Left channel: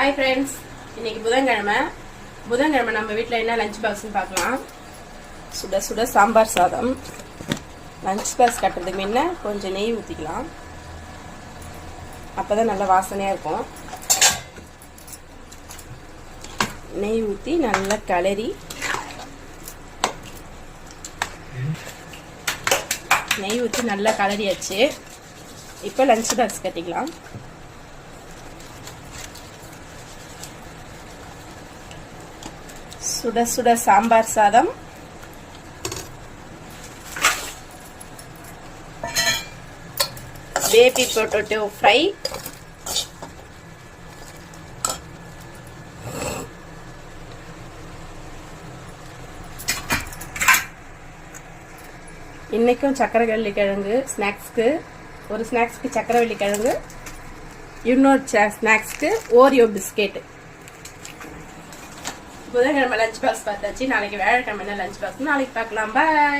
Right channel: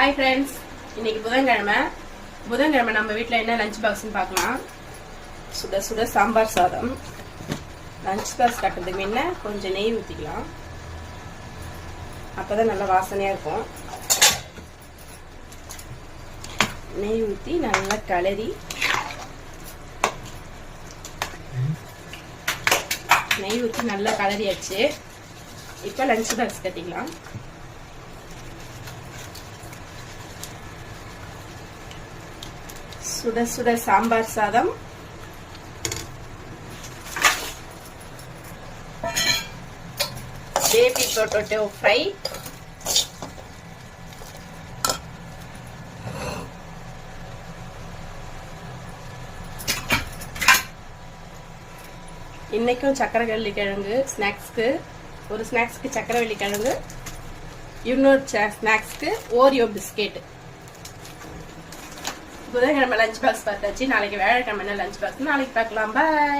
Hi friends, இன்னைக்கு புதன்கிழமை நம்ம வீட்டில் என்ன லஞ்ச் பாக்ஸ்ன்னு பார்க்கலாம். சுட சுட சாம்பார் சாதம். லஞ்ச் பாக்ஸ் கட்டுறதுக்கு முன்ன கொஞ்சம் நெய் ஊற்றிக்கலாம், அப்போதான் நல்ல வாசனையாக இருக்கும். நெய் ஊற்றி நல்லா கிளறி நல்லா கிளறியாச்சு. இப்போ லஞ்ச் பாக்ஸ் கட்டிக்கலாம். சுட சுட சாம்பார் சாதம், பேபி பொட்டேட்டோ ஃப்ரை, இன்னைக்கும் சக்கரவள்ளி கிழங்கு ஸ்நாக்ஸ்க்கு, ஒரு ஸ்நாக்ஸ்க்கு சக்கரவள்ளி கிழங்கு, இன்னொரு ஸ்நாக்ஸ்க்கு ஓரியோ பிஸ்கெட். புதன்கிழமை லஞ்ச் பாக்ஸ் பார்த்தாச்சு. நாளைக்கு வியாழக்கிழமை லஞ்ச் பாக்ஸ் நாளைக்கு பார்க்கலாம். பாய்.